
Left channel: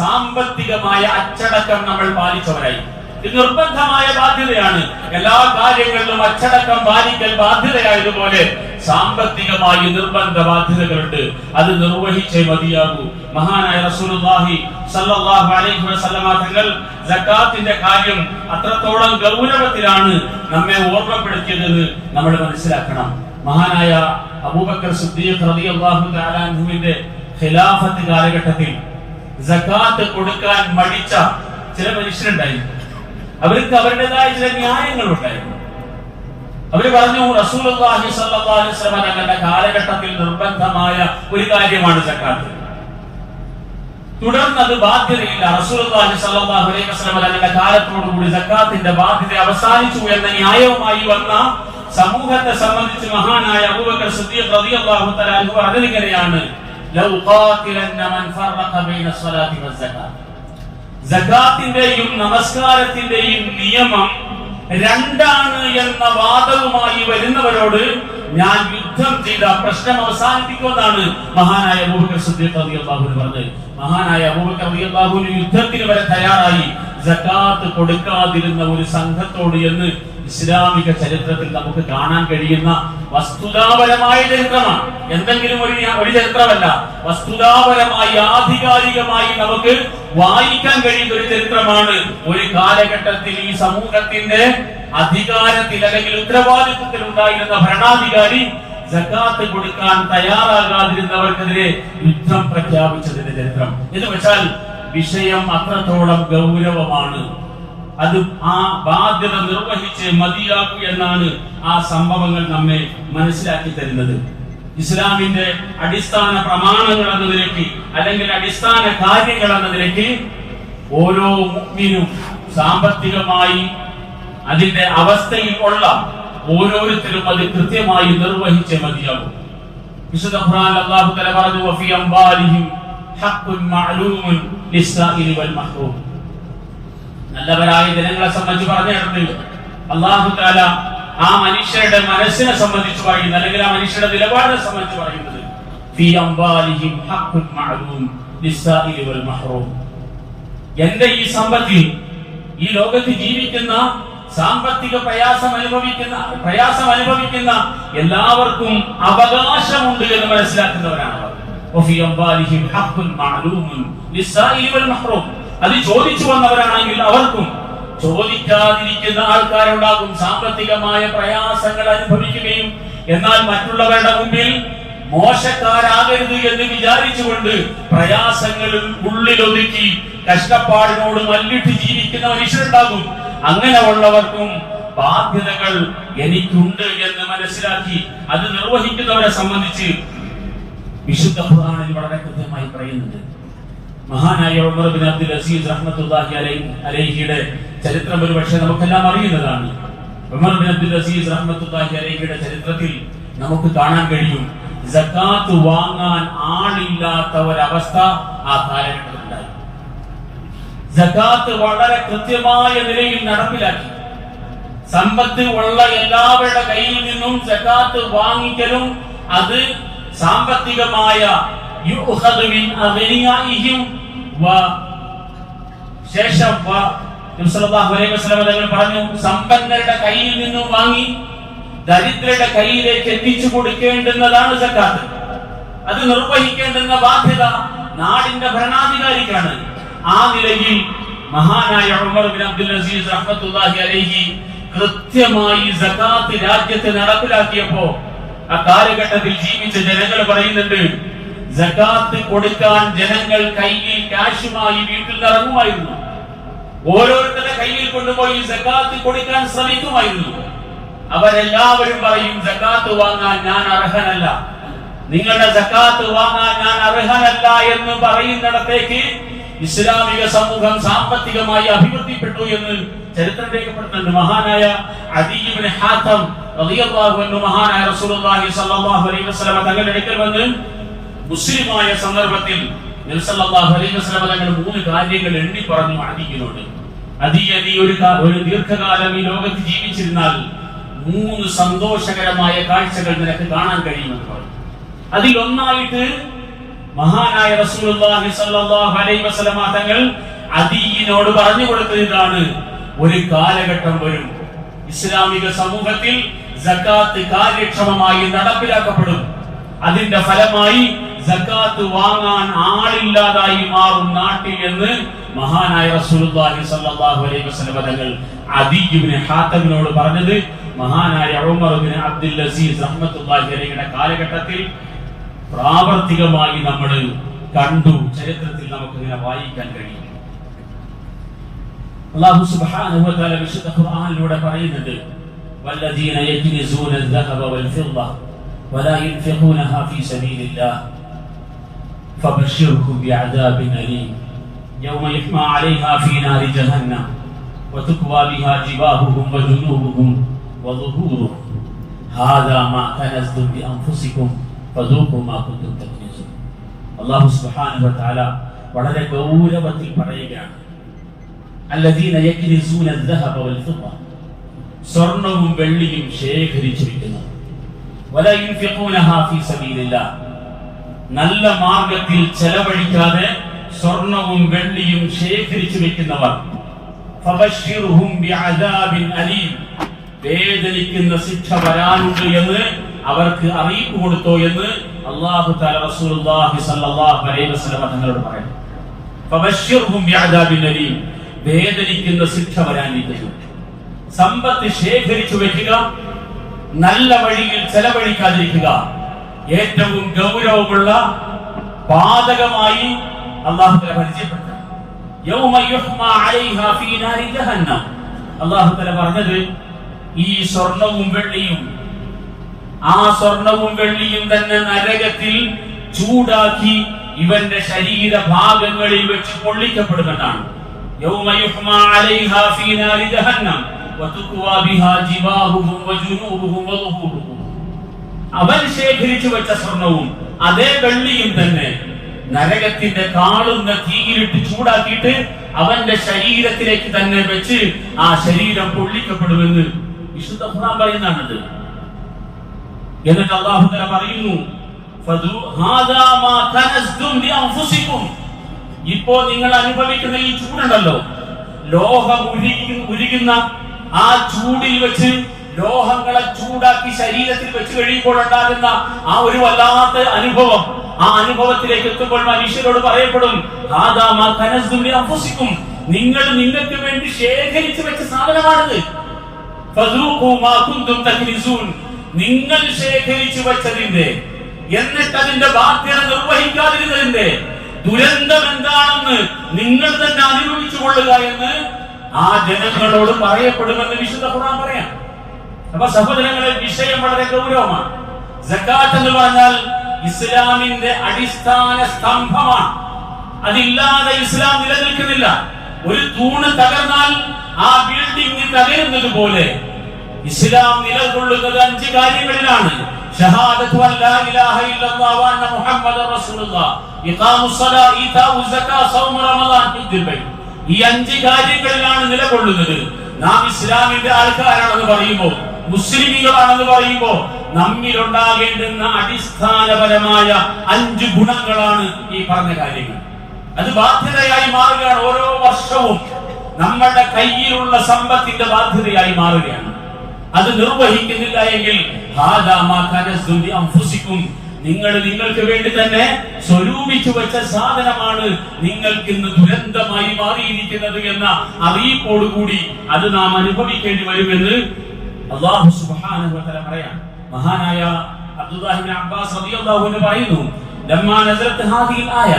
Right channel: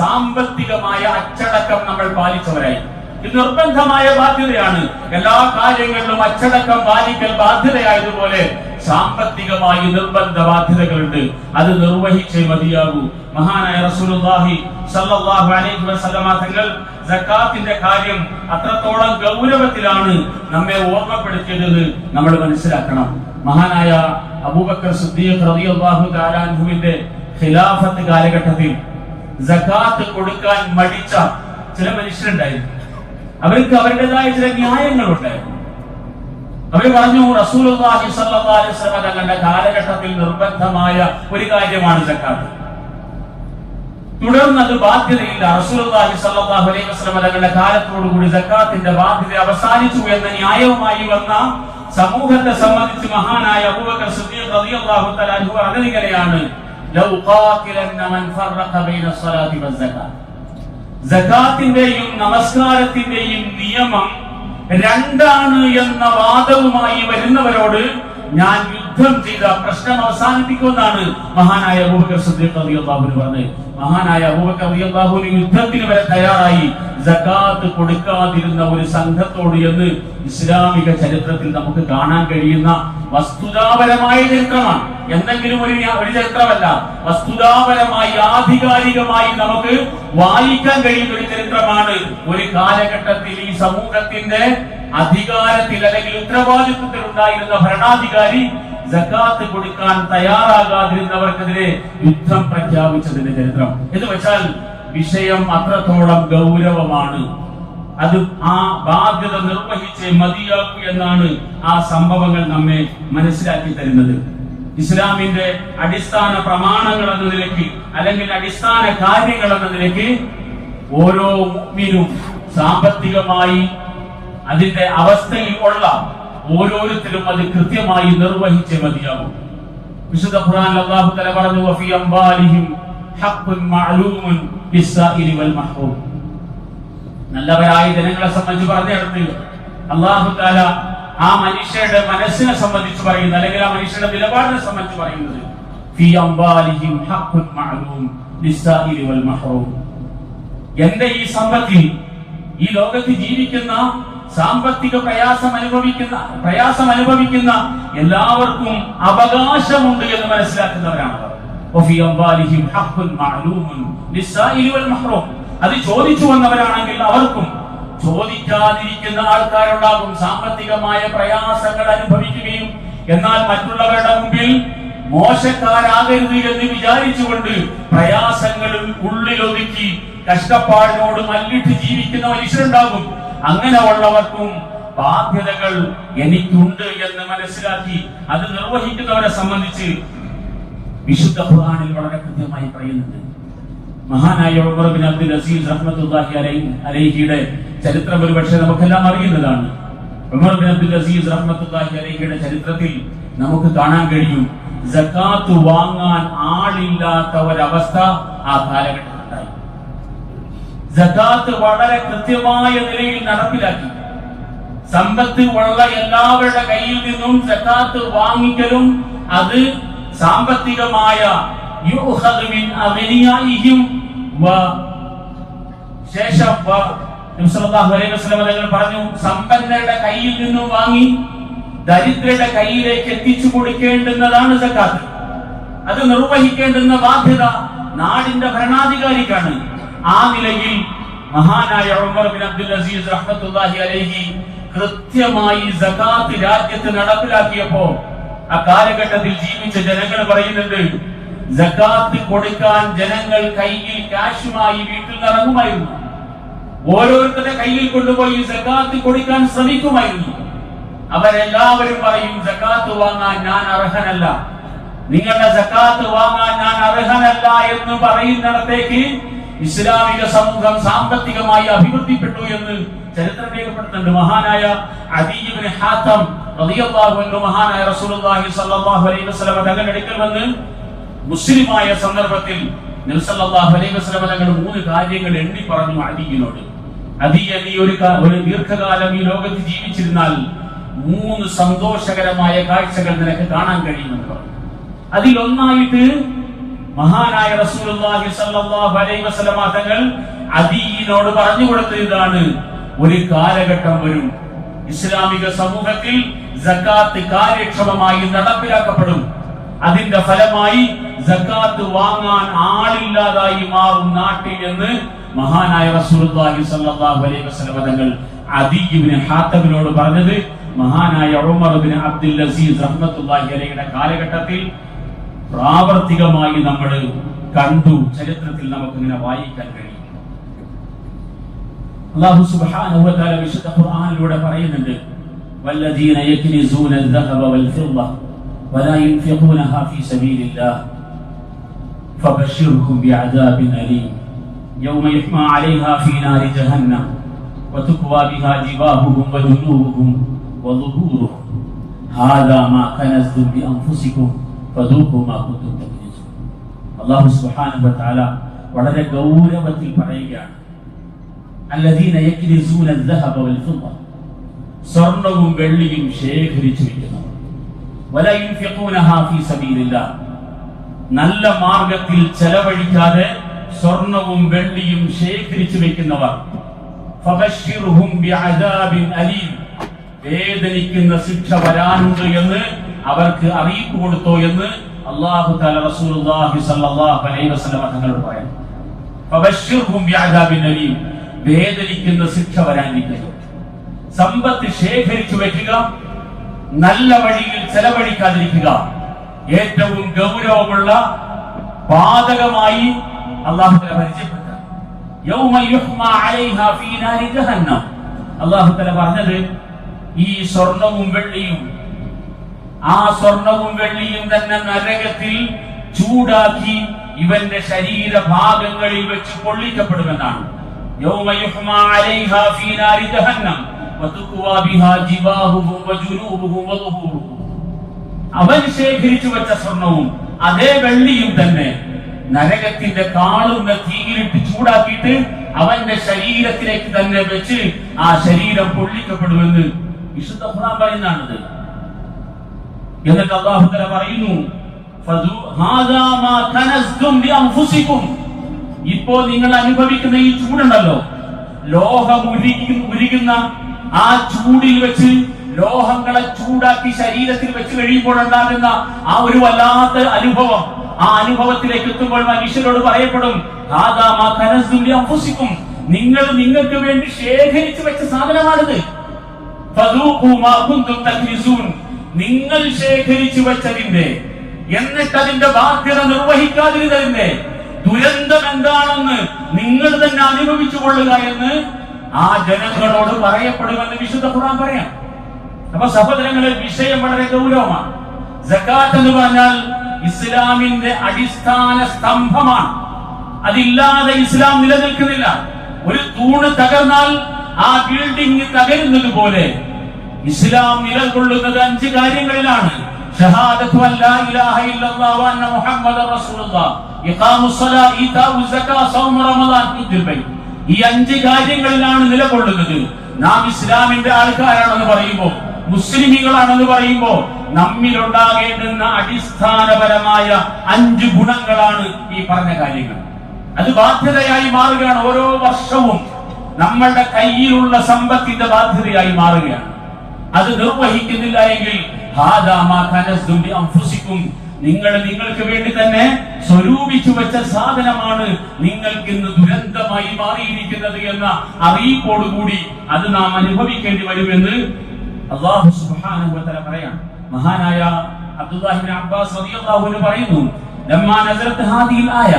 സാമ്പത്തികമായ അച്ചടക്കം നമ്മൾ പാലിച്ചവരായി. ഇത് നിർബന്ധമായ ബാധ്യതയാണ്. എല്ലാ കാര്യങ്ങളിലും അച്ചടക്കം പാലിക്കൽ ബാധ്യതയായതുപോലെ സാമ്പത്തികമായി നിർബന്ധ ബാധ്യതകളുണ്ട്. അത് നിർവഹിച്ചേ മതിയാകൂ. മഹാനായ റസൂലുള്ളാഹി സ്വല്ലല്ലാഹു അലൈഹി വസല്ലമ തങ്ങൾ സക്കാത്തിന്റെ കാര്യം അത്രത്തോളം ഗൗരവത്തിലാണ് നമ്മെ ഓർമ്മപ്പെടുത്തിയതെന്ന് നമ്മൾ മനസ്സിലാക്കണം. മഹാനായ അബൂബക്കർ സിദ്ദീഖ് റളിയല്ലാഹു തആല അൻഹുവിന്റെ ഖിലാഫത്ത് കാലഘട്ടത്തിൽ സക്കാത്ത് കൊടുക്കാൻ മടിച്ച ചില മനുഷ്യരുണ്ടായിരുന്നു. അവർക്ക് അവരുടേതായ ചില ന്യായങ്ങളുണ്ടായിരുന്നു. അവര് പറഞ്ഞു, റസൂലുള്ളാഹി സ്വല്ലല്ലാഹു അലൈഹി വസല്ലം തങ്ങളുടെ കാലഘട്ടത്തിൽ നിർബന്ധമായ ഒരു കാര്യമാണ് സക്കാത്ത്. തുടർന്ന് അത് ബാധ്യതയില്ല. റസൂലുള്ളാഹി സ്വല്ലല്ലാഹു അലൈഹി വസല്ലം തങ്ങളുടെ കാലത്തോടുകൂടി സക്കാത്തിന്റെ ബാധ്യത അവസാനിച്ചു എന്ന ന്യായവുമായി വന്ന സമൂഹത്തെ സംബന്ധിച്ച് മഹാനായ അബൂബക്കർ സിദ്ദീഖ് റളിയല്ലാഹു തആല അൻഹു പറഞ്ഞിരിക്കുകയാണ്, ലൗ ഖാതിലന്ന മൻ ഫറഖ ബൈന സ്വലാത്തി വസ്സകാത്ത്. സകാത്തിന്റെയും നമസ്കാരത്തിന്റെയും നിയമം രണ്ടാണ് എന്ന വാദവുമായി വരുന്നവരോട് ഞാൻ യുദ്ധം ചെയ്ത പ്രശ്നം അവസാനിപ്പിക്കുമെന്നാണ് മഹാനായ അബൂബക്കർ സിദ്ദീഖ് റളിയല്ലാഹു അൻഹു പറഞ്ഞത്. മഹാനായ അബൂബക്കർ റളിയല്ലാഹു അൻഹു യുദ്ധത്തിന് വരെ തയ്യാറായി സകാത്ത് കൊടുക്കാതിരുന്ന ഒരു സംഘത്തോട് എന്ന് ഇസ്ലാമിക ചരിത്രത്തിൽ നമുക്ക് കാണാൻ കഴിയുന്ന വസ്തുതാപരമായ ചരിത്രമാണ്. എന്തെങ്കിലും ഒരു ചരിത്രമല്ല, വസ്തുതാപരമായി ആധികാരികമായി നമുക്ക് വായിക്കാൻ കഴിയുന്ന ഒരു ചരിത്രമാണ്. ഒരു കാലഘട്ടത്തിൽ ഈ സമൂഹത്തിന്റെ അധികാരത്തിൽ അല്ലെങ്കിൽ ഉത്തരവാദിത്വത്തിൽ ഉണ്ടായിരുന്ന ഭരണാധികാരി സകാത്ത് കൊടുക്കാൻ തയ്യാറാകാതിരുന്നവർക്കെതിരെ യുദ്ധം പ്രഖ്യാപിച്ചതിന്റെ ചരിത്രം. എന്ന് വെച്ചാൽ വിഷയം അത്രത്തോളം ഗൗരവമാണ്. അത് ആ ബാധ്യത നിർവഹിച്ച് മതിയാക്കൂ എന്നാണ് ആ സംഭവങ്ങൾ നമ്മെ മനസ്സിലാക്കി തരുന്നത്. ഇസ്ലാമിന്റെ അടിസ്ഥാന പ്രമാണങ്ങൾ എന്ന നിലയ്ക്ക് അല്ലെങ്കിൽ അടിസ്ഥാന കാര്യങ്ങൾ എന്ന നിലയ്ക്ക് ഓരോ മുഅ്മിനും സാമ്പത്തികമായി അതിന്റെ അവസ്ഥയിൽ ഉള്ള ഓരോരുത്തരും അത് കൃത്യമായി നിർവഹിച്ചേ മതിയാകും. വിശുദ്ധ ഖുർആനിൽ അല്ലാഹു തആല പറഞ്ഞു, വഫീ അംവാലിഹിം ഹഖ്ഖുൻ മഅലൂമുൻ ലിസ്സാഇലി വൽ മഹ്റൂം. നല്ലവരായ ജനങ്ങളെ സംബന്ധിച്ച് പറഞ്ഞിടത്ത് അല്ലാഹു തആല ആ മനുഷ്യരുടെ മനസ്സിനെ സംബന്ധിച്ച് പറയുന്നത്, അല്ലെങ്കിൽ ആ മനുഷ്യരുടെ നിലപാടിനെ സംബന്ധിച്ച് പറയുന്നത്, ഫീ അംവാലിഹിം ഹഖ്ഖുൻ മഅലൂം ലിസ്സാഇലി വൽ മഹ്റൂം. എന്റെ ഈ സമ്പത്തിൽ, ഈ ലോകത്ത് ജീവിക്കുന്ന സാമ്പത്തിക പ്രയാസം അനുഭവിക്കുന്ന എല്ലാവർക്കും അവകാശമുണ്ട് എന്ന് മനസ്സിലാക്കുന്നവരാണ്. അത് ചോദിച്ചു വന്നവരാണെങ്കിൽ അവർക്കും, ചോദിക്കാതിരിക്കുന്ന ആൾക്കാരുണ്ടാകും, സാമ്പത്തികമായ പ്രയാസങ്ങൾ അനുഭവിക്കുകയും എന്നാൽ മറ്റുള്ളവരുടെ മുമ്പിൽ മോശക്കാരാകരുത് എന്ന് വിചാരിച്ചുകൊണ്ട് പ്രയാസങ്ങളിൽ ഉള്ളിലൊതുക്കി കഷ്ടപ്പാടിനോട് മല്ലിട്ട് ജീവിക്കുന്ന മനുഷ്യരുണ്ടാകും. അങ്ങനെ ഉള്ളവർക്കും ബാധ്യതകൾ എനിക്കുണ്ട് എന്ന് മനസ്സിലാക്കി അത് നിർവഹിക്കുന്നവരെ സംബന്ധിച്ച് വിശുദ്ധ ഖുർആനിൽ വളരെ കൃത്യമായി പറയുന്നുണ്ട്. മഹാനായ ഉമർ ബിൻ അബ്ദുൽ അസീസ് റഹ്മത്തുള്ളാഹി അലൈഹിയുടെ ചരിത്രം ഒരുപക്ഷെ നമുക്കെല്ലാം അറിയുന്നതാണ്. ഉമർ ബിൻ അബ്ദുൽ അസീസ് റഹ്മത്തുള്ളാഹി അലൈഹിയുടെ ചരിത്രത്തിൽ നമുക്ക് കാണാൻ കഴിയും, സകാത്ത് വാങ്ങാൻ ആളില്ലാത്ത ഒരവസ്ഥ ആ കാലഘട്ടത്തിലുണ്ടായി. സകാത്ത് വളരെ കൃത്യമായ നിലയിൽ നടപ്പിലാക്കി. സമ്പത്ത് ഉള്ള എല്ലാവരുടെ കയ്യിൽ നിന്നും സകാത്ത് വാങ്ങിക്കലും അത് സാമ്പത്തികമായ ശേഷം പറഞ്ഞു, സമ്പന്നരുടെ കയ്യിൽ നിന്നും വാങ്ങി ദരിദ്രരുടെ കയ്യിലേക്ക് എത്തിച്ചു കൊടുക്കേണ്ടുന്നതാണ് സക്കാത്ത്. അത് നിർവഹിക്കേണ്ടുന്ന ബാധ്യത നാടിന്റെ ഭരണാധികാരിക്കാണ്. ആ നിലയിൽ മഹാനായ ഉമർ ബിൻ അബ്ദുൽ അസീസ് റഹ്മത്തുള്ളാഹി അലൈഹി കൃത്യമായി സകാത്ത് രാജ്യത്ത് നടപ്പിലാക്കിയപ്പോ ആ കാലഘട്ടത്തിൽ ജീവിച്ച ജനങ്ങൾ പറയുന്നുണ്ട്, സകാത്ത് കൊടുക്കാൻ ജനങ്ങൾ കയ്യിൽ കാശുമായി വീട്ടിൽ ഇറങ്ങുമായിരുന്നു. ഓരോരുത്തരുടെ കയ്യിൽ കൊണ്ടുപോയി സകാത്ത് കൊടുക്കാൻ ശ്രമിക്കുമായിരുന്നു. അവരെല്ലാവരും പറയും, സകാത്ത് വാങ്ങാൻ ഞാൻ അർഹനല്ല, നിങ്ങളുടെ സകാത്ത് വാങ്ങാൻ ഞാൻ അർഹനല്ല എന്ന് പറയുന്നിടത്തേക്ക് ഇസ്ലാമിക സമൂഹം സാമ്പത്തികമായി അഭിവൃദ്ധിപ്പെട്ടു എന്ന് ചരിത്രം രേഖപ്പെടുത്തുന്നുണ്ട്. മഹാനായ അദീ ഇബ്നു ഹാത്തം റളിയല്ലാഹു അൻഹു മഹാനായ റസൂലുള്ളാഹി സ്വല്ലല്ലാഹു അലൈഹി വസല്ലം തങ്ങളുടെ അടുക്കൽ വന്ന് മുസ്ലിമായ സന്ദർഭത്തിൽ നബി സല്ലല്ലാഹു അലൈഹി വസല്ലം തങ്ങൾ 3 കാര്യങ്ങൾ എണ്ണി പറഞ്ഞു അദീയിനോട്. അദീ, നീ ഒരു ദീർഘകാലം ഈ ലോകത്ത് ജീവിച്ചിരുന്നാൽ 3 സന്തോഷകരമായ കാഴ്ചകൾ നിനക്ക് കാണാൻ കഴിയുമെന്ന് പറഞ്ഞു. അതിലൊന്നായിട്ട് മഹാനായ റസൂലുള്ളാഹി സ്വല്ലല്ലാഹു അലൈഹി വസല്ലം തങ്ങൾ അദീയിനോട് പറഞ്ഞു കൊടുത്തതാണ്, ഒരു കാലഘട്ടം വരും, ഇസ്ലാമിക സമൂഹത്തിൽ സകാത്ത് കാര്യക്ഷമമായി നടപ്പിലാക്കപ്പെടും. അതിന്റെ ഫലമായി സകാത്ത് വാങ്ങാൻ ആളില്ലാതായി മാറും നാട്ടിൽ എന്ന് മഹാനായ റസൂലുള്ളാഹി സ്വല്ലല്ലാഹു അലൈഹി വസല്ലം തങ്ങൾ അദീ ഇബ്നു ഹാത്തമിനോട് പറഞ്ഞത് മഹാനായ ഉമർ ബിൻ അബ്ദുൽ അസീസ് റഹ്മത്തുള്ളാഹി അലൈഹിയുടെ കാലഘട്ടത്തിൽ പ്രാവർത്തികമായി നമ്മൾ കണ്ടു. ചരിത്രത്തിൽ നമുക്ക് ഇങ്ങനെ വായിക്കാൻ കഴിയും. അല്ലാഹു സുബ്ഹാനഹു വ തആല വിശുദ്ധ ഖുർആനിലൂടെ പറയുന്നുണ്ട്, വല്ലദീന യക്നിസൂന الذهب والفضة ولا ينفقونها في سبيل الله فبشرهم بعذاب أليم يوم يحمى عليها في نار جهنم وتكوى بها جباههم وجنوبهم وظهورهم هذا ما كنزتم بأنفسكم فذوقوا ما كنتم تكنزون. അല്ലാഹു സുബ്ഹാനഹു വ തആല വളരെ ഗൗരവത്തിൽ പറയുകയാണ്, അല്ലദീന യക്നിസൂന الذهب والفضة, സ്വർണ്ണവും വെള്ളിയും ശേഖരിച്ചു വെക്കുന്നവർ, വലാ യുൻഫിഖൂനഹാ ഫീ സബീലില്ലാഹ്, നല്ല മാർഗത്തിൽ ചെലവഴിക്കാതെ സ്വർണ്ണവും വെള്ളിയും ശേഖരിച്ചു വെക്കുന്നവർ, ഫബശ്ശിർഹും ബിഅദാബിൻ അലീം, വേദനിക്കുന്ന ശിക്ഷ വരാനുണ്ട് എന്ന് അവർക്ക് അറിയിപ്പ് കൊടുത്തോ എന്ന് അല്ലാഹു തആല റസൂലുള്ളാഹി സ്വല്ലല്ലാഹു അലൈഹി വസല്ലം തങ്ങളോട് പറയുന്നു. ഫബശ്ശിർഹും ബിഅദാബിൻ അലീം, വേദനിക്കുന്ന ശിക്ഷ വരാനിരിക്കുന്നു. സമ്പത്ത് ശേഖരിച്ചു വെക്കുക, നല്ല വഴിയിൽ ചെലവഴിക്കാതിരിക്കുക, ഏറ്റവും ഗൗരവമുള്ള പാതകമായി അല്ലാഹു തആല പരിചയപ്പെടുത്തുക. യൗമ യുഹ്മാ അലൈഹാ ഫീ നാരി ജഹന്നം, അല്ലാഹു തആല പറഞ്ഞത് ഈ സ്വർണ്ണവും വെള്ളിയും, ആ സ്വർണ്ണവും വെള്ളിയും തന്നെ നരകത്തിൽ ചൂടാക്കി ഇവന്റെ ശരീരഭാഗങ്ങളിൽ വെച്ച് പൊള്ളിക്കപ്പെടുമെന്നാണ്. യൗമ യുഹ്മാ അലൈഹാ ഫീ നാരി ജഹന്നം വതുക്വാ ബിഹാ ജിബാഹുഹും വജുനൂബുഹും വളുഹൂറുഹും, അവൻ ശേഖരിച്ചു വെച്ച സ്വർണ്ണവും അതേ വെള്ളിയും തന്നെ നരകത്തിന്റെ കാളുന്ന തീയിലിട്ട് ചൂടാക്കിയിട്ട് അവന്റെ ശരീരത്തിലേക്ക് തന്നെ വെച്ച് ആ ശരീരം പൊള്ളിക്കപ്പെടുമെന്ന് വിശുദ്ധ ഖുർആൻ പറയുന്നതാണിത്. എന്നിട്ട് അല്ലാഹു തആല പറയുന്നു, ഹാദാ മാ കനസ്തും ലിഅൻഫുസികും, ഇപ്പോൾ നിങ്ങൾ അനുഭവിക്കുന്ന ഈ ചൂടുണ്ടല്ലോ, ലോഹം ഉരുകുന്ന ആ ചൂടിൽ വെച്ച് ലോഹങ്ങളെ ചൂടാക്കി ശരീരത്തിൽ വെച്ച് കഴിയുമ്പോൾ ഉണ്ടാകുന്ന ആ ഒരു വല്ലാത്ത അനുഭവം, ആ അനുഭവത്തിലേക്ക് എത്തുമ്പോൾ മനുഷ്യരോട് പറയപ്പെടും, ഹാദാ മാ കനസ്തും ലിഅൻഫുസികും, നിങ്ങൾ നിങ്ങൾക്ക് വേണ്ടി ശേഖരിച്ചു വെച്ച സാധനമാണിത്. ഫദൂഖൂ മാ കുന്തും തക്നിസൂൻ, നിങ്ങൾ ശേഖരിച്ചു വെച്ചതിന്റെ, എന്നിട്ട് അതിന്റെ ബാധ്യത നിർവഹിക്കാതിരുന്നതിന്റെ ദുരന്തം എന്താണെന്ന് നിങ്ങൾ തന്നെ അനുഭവിച്ചു കൊള്ളുക എന്ന് ആ ജനങ്ങളോട് പറയപ്പെടുമെന്ന് വിശുദ്ധ ഖുർആൻ പറയാം. അപ്പൊ സഹോദരങ്ങളെ, വിഷയം വളരെ ഗൗരവമാണ്. സകാത്ത് എന്ന് പറഞ്ഞാൽ ഇസ്ലാമിന്റെ അടിസ്ഥാന സ്തംഭമാണ്. അതില്ലാതെ ഇസ്ലാം നിലനിൽക്കുന്നില്ല. ഒരു തൂണ് തകർന്നാൽ ആ ബിൽഡിംഗ് തകരുന്നത് പോലെ ഇസ്ലാം നിലകൊള്ളുന്നത് 5 കാര്യങ്ങളിലാണ്. ഷഹാദത്തു അൻ ലാ ഇലാഹ ഇല്ലല്ലാഹു വ അന്ന മുഹമ്മദർ റസൂലുള്ളാഹ്, ഇഖാമുസ് സ്വലാ, ഈതാഉസ് സക്കാ, സൗമ റമളാൻ, ഹജ്ജുൽ ബൈത്ത്. ഈ 5 കാര്യങ്ങളിലാണ് നിലകൊള്ളുന്നത്. നാം ഇസ്ലാമിന്റെ ആൾക്കാരാണെന്ന് പറയുമ്പോൾ, മുസ്ലിമീങ്ങളാണെന്ന് പറയുമ്പോൾ നമ്മിൽ ഉണ്ടാകേണ്ടുന്ന അടിസ്ഥാനപരമായ 5 ഗുണങ്ങളാണ് ഈ പറഞ്ഞ കാര്യങ്ങൾ. അത് ബാധ്യതയായി മാറുകയാണ്. ഓരോ വർഷവും നമ്മളുടെ കയ്യിലുള്ള സമ്പത്തിന്റെ ബാധ്യതയായി മാറുകയാണ്. അത് നിർവഹിക്കുന്നില്ല എങ്കിൽ നിങ്ങൾ നിങ്ങൾക്ക് വേണ്ടി തന്നെ സ്വരൂപിച്ചു വെച്ച സാധനമാണ് നിങ്ങൾക്ക് ഇന്ന് ദുരന്തമായി മാറിയിരിക്കുന്നത് എന്ന അറിയിപ്പോടുകൂടി അത് നാം അനുഭവിക്കേണ്ടി വരുമെന്ന് അല്ലാഹു സുബ്ഹാനഹു വ തആല പറയാം. മഹാനായ അബ്ദുല്ലാഹി ഇബ്നു അബ്ബാസ് റളിയല്ലാഹു അൻഹു പറയുന്നു, ലമ്മാ നസലത്ത് ഹാദിഹിൽ ആയ,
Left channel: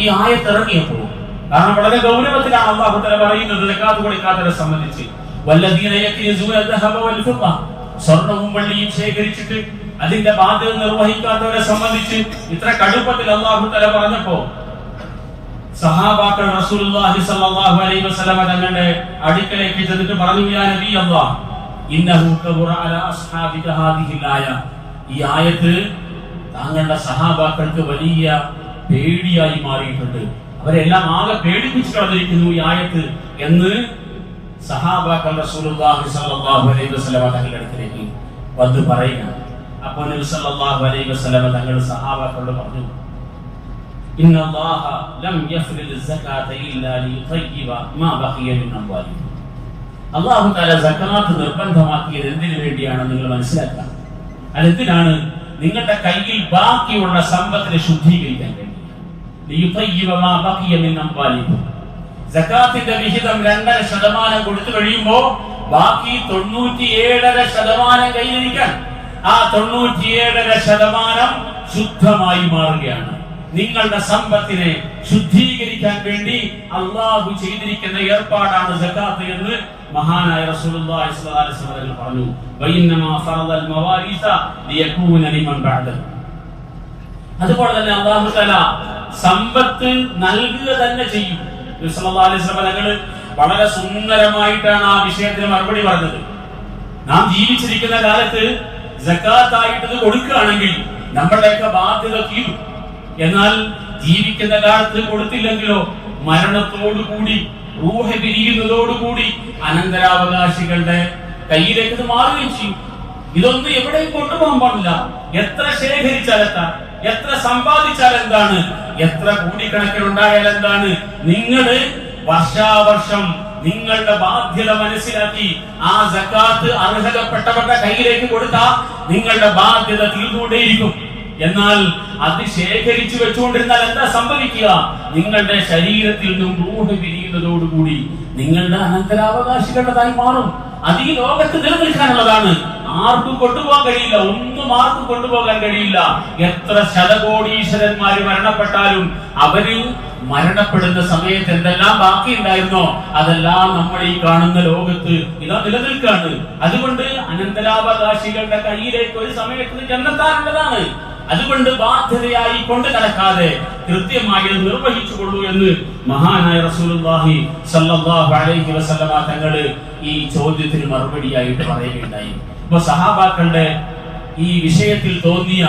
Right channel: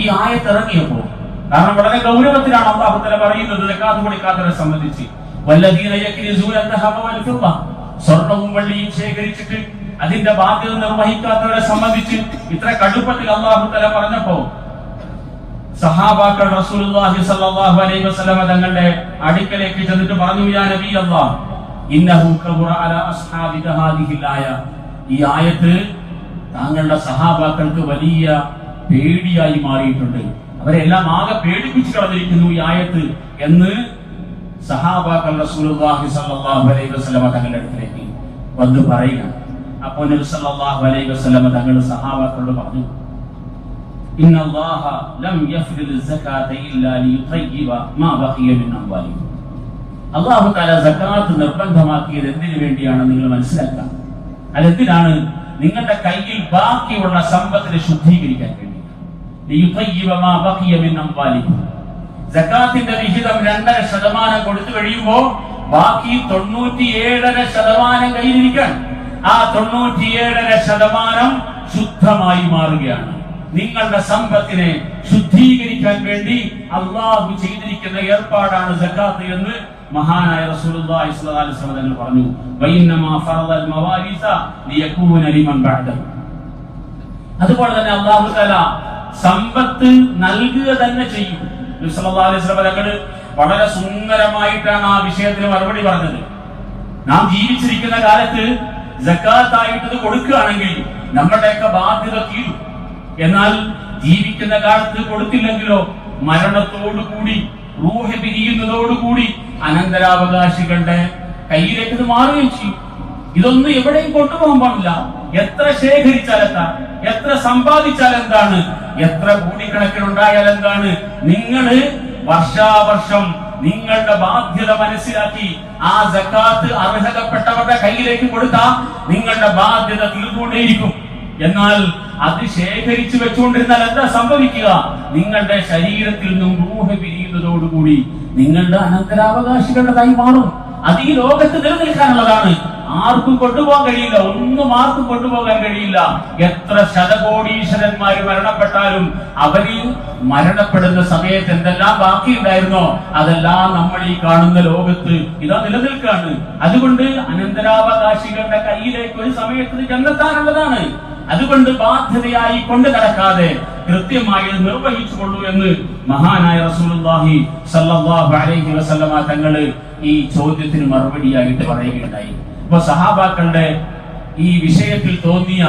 ഈ ആയത്ത് ഇറങ്ങിയപ്പോൾ, കാരണം വളരെ ഗൗരവത്തിലാണ് അല്ലാഹു തആല പറയുന്നത് സകാത്ത് കൊടുക്കാത്തവരെ സംബന്ധിച്ച്. വല്ലദീന യക്നിസൂന ദഹബ വൽ ഫിദ്ദ, സ്വർണ്ണവും വെള്ളിയും ശേഖരിച്ചിട്ട് അതിന്റെ ബാധ്യത നിർവഹിക്കാത്തവരെ സംബന്ധിച്ച് ഇത്ര കടുപ്പത്തിൽ അല്ലാഹു തആല പറഞ്ഞപ്പോ സഹാബാക്കൾ റസൂലുള്ളാഹി സ്വല്ലല്ലാഹു അലൈഹി വസല്ലം തങ്ങളുടെ അടുക്കലേക്ക് ചെന്നിട്ട് പറഞ്ഞു, യാ നബി അല്ലാഹ്, ഇന്നഹു കബറ അലാ അസ്ഹാബിക ഹാദിഹിൽ ആയ, ഈ ആയത്ത് താങ്കളുടെ സഹാബാക്കൾക്ക് വലിയ പേടിയായി മാറിയിട്ടുണ്ട്, അവരെല്ലാം ആകെ പേടിപ്പിച്ചു കളഞ്ഞിരിക്കുന്നു ഈ ആയത്ത് എന്ന് സഹാബാക്കൾ റസൂലുള്ളാഹി സ്വല്ലല്ലാഹു അലൈഹി വസല്ലം തങ്ങളുടെ അടുത്തേക്ക് വന്ന് പറയുകയാണ്. അപ്പോൾ നബി സല്ലല്ലാഹു അലൈഹി വസല്ലം തങ്ങൾ സഹാബാക്കളോട് പറഞ്ഞു, ഇന്നല്ലാഹ ലം യഫ്രിദ് സകാത ഇല്ലാ ലിയുതയ്യിബ മാ ബഖിയ മിൻ അംവാലിഹിം. അല്ലാഹു തആല സകാത്ത് നിർബന്ധമാക്കിയത് എന്തിനു വേണ്ടിയാണ് നിങ്ങൾ മനസ്സിലാക്കുക. അതെന്തിനാണ്? നിങ്ങളുടെ കയ്യിൽ ബാക്കിയുള്ള സമ്പത്തിനെ ശുദ്ധീകരിക്കാൻ വേണ്ടി. ലിയുതയ്യിബ മാ ബഖിയ മിൻ അംവാലിഹിം. സകാത്തിന്റെ വിഹിതം 2.5% കൊടുത്തു കഴിയുമ്പോൾ ബാക്കി 97.5% കയ്യിലിരിക്കാൻ, ആ 97.5% ശുദ്ധമായി മാറുകയാണ്. നിങ്ങളുടെ സമ്പത്തിനെ ശുദ്ധീകരിക്കാൻ വേണ്ടി അള്ളാഹു ചെയ്തിരിക്കുന്ന ഏർപ്പാടാണ് സകാത്ത് എന്ന് മഹാനായ റസൂലുള്ളാഹി സ്വല്ലല്ലാഹു അലൈഹി വസല്ലം പറഞ്ഞു. വഇന്നമാ ഫറദൽ മവാരിസ ലിയകൂന ലിമൻ ബഅദഹു. അതുപോലെ തന്നെ അല്ലാഹു തആല സമ്പത്ത് നൽകുക തന്നെ ചെയ്യും. നബി സല്ലല്ലാഹു അലൈഹി വസല്ലം തങ്ങൾ വളരെ സുന്ദരമായിട്ടാണ് ആ വിഷയത്തിന് മറുപടി പറഞ്ഞത്. നാം ജീവിച്ചിരിക്കുന്ന കാലത്ത് സകാത്തായിട്ട് ഇത് കൊടുക്കുകയാണെങ്കിൽ നമ്മളുടെയൊക്കെ ബാധ്യത തീരും. എന്നാൽ ജീവിക്കുന്ന കാലത്ത് കൊടുത്തില്ലെങ്കിലോ മരണത്തോടുകൂടി, റൂഹ് പിരിയുന്നതോടുകൂടി അനന്തരാവകാശികളുടെ കയ്യിലേക്ക് ഇത് മാറുകയും ചെയ്യും. ഇതൊന്നും എവിടെയും കൊണ്ടുപോകാൻ പാടില്ല. എത്ര ശേഖരിച്ചാൽ എന്താ, എത്ര സമ്പാദിച്ചാൽ എന്താണ്, എത്ര കോടിക്കണക്കിനുണ്ടായാൽ എന്താണ്, നിങ്ങൾ വർഷാവർഷം നിങ്ങളുടെ ബാധ്യത മനസ്സിലാക്കി ആ സകാത്ത് അർഹതപ്പെട്ടവരുടെ കയ്യിലേക്ക് കൊടുത്താൽ നിങ്ങളുടെ ബാധ്യത തീർന്നുകൊണ്ടേയിരിക്കും. എന്നാൽ അത് ശേഖരിച്ചു വെച്ചുകൊണ്ടിരുന്നാൽ എന്താ സംഭവിക്കുക? നിങ്ങളുടെ ശരീരത്തിൽ നിന്നും റൂഹ് പിരിയുന്നതോടുകൂടി നിങ്ങളുടെ അനന്തരാവകാശികളുടെ മാറും. അത് ഈ ലോകത്ത് നിലനിൽക്കാനുള്ളതാണ്. ആർക്കും കൊണ്ടുപോകാൻ കഴിയില്ല, ഒന്നും ആർക്കും കൊണ്ടുപോകാൻ കഴിയില്ല. എത്ര ശതകോടീശ്വരന്മാര് മരണപ്പെട്ടാലും അവര് മരണപ്പെടുന്ന സമയത്ത് എന്തെല്ലാം ബാക്കിയുണ്ടായിരുന്നോ അതെല്ലാം നമ്മൾ ഈ കാണുന്ന ലോകത്ത് ഇതാ നിലനിൽക്കാണ്. അതുകൊണ്ട് അനന്തരാവകാശികളുടെ കയ്യിലേക്ക് ഒരു സമയത്ത് ചെന്നെത്താനുള്ളതാണ്. അതുകൊണ്ട് ബാധ്യതയായി കൊണ്ടു നടക്കാതെ കൃത്യമായി നിർവഹിച്ചു കൊള്ളൂ എന്ന് മഹാനായ റസൂലുള്ളാഹി സ്വല്ലല്ലാഹു അലൈഹി വസല്ലമ തങ്ങള് ഈ ചോദ്യത്തിന് മറുപടിയായിട്ട് പറയുകയുണ്ടായി. അപ്പൊ സഹാബാക്കളുടെ ഈ വിഷയത്തിൽ തോന്നിയ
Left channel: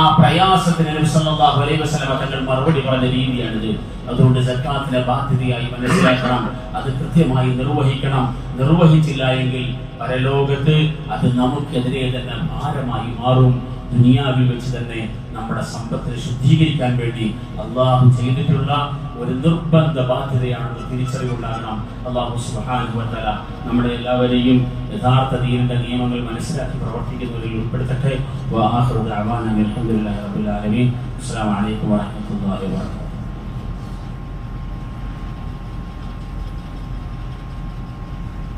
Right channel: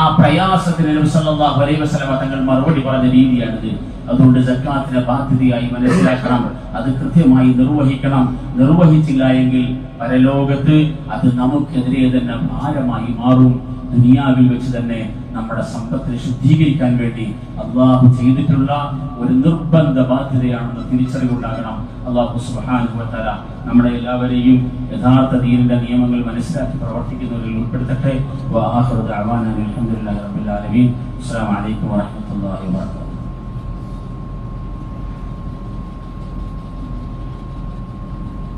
ആ പ്രയാസത്തിന് നബി സല്ലല്ലാഹു അലൈഹി വസല്ലമ തങ്ങൾ മറുപടി പറഞ്ഞ രീതിയാണിത്. അതുകൊണ്ട് സക്കാത്തിനെ ബാധ്യതയായി മനസ്സിലാക്കണം, അത് കൃത്യമായി നിർവഹിക്കണം. നിർവഹിച്ചില്ല എങ്കിൽ പരലോകത്ത് അത് നമുക്കെതിരെ തന്നെ ഭാരമായി മാറും. ദുനിയാവിൽ വെച്ച് തന്നെ നമ്മുടെ സമ്പത്തിനെ ശുദ്ധീകരിക്കാൻ വേണ്ടി അള്ളാഹു ചെയ്തിട്ടുള്ള ഒരു നിർബന്ധ ബാധ്യതയാണെന്ന് തിരിച്ചറിവുണ്ടാകണം. അള്ളാഹു സുബ്ഹാനഹു വ തആല നമ്മുടെ എല്ലാവരെയും യഥാർത്ഥ ദീനിന്റെ നിയമങ്ങൾ മനസ്സിലാക്കി പ്രവർത്തിക്കുന്നവരിൽ ഉൾപ്പെടുത്തട്ടെ. വ ആഖിറു ദഅവാനാ അൽഹംദുലില്ലാഹി റബ്ബിൽ ആലമീൻ. അസ്സലാമു അലൈക്കും വറഹ്മത്തുള്ളാഹി വബറകാതുഹു.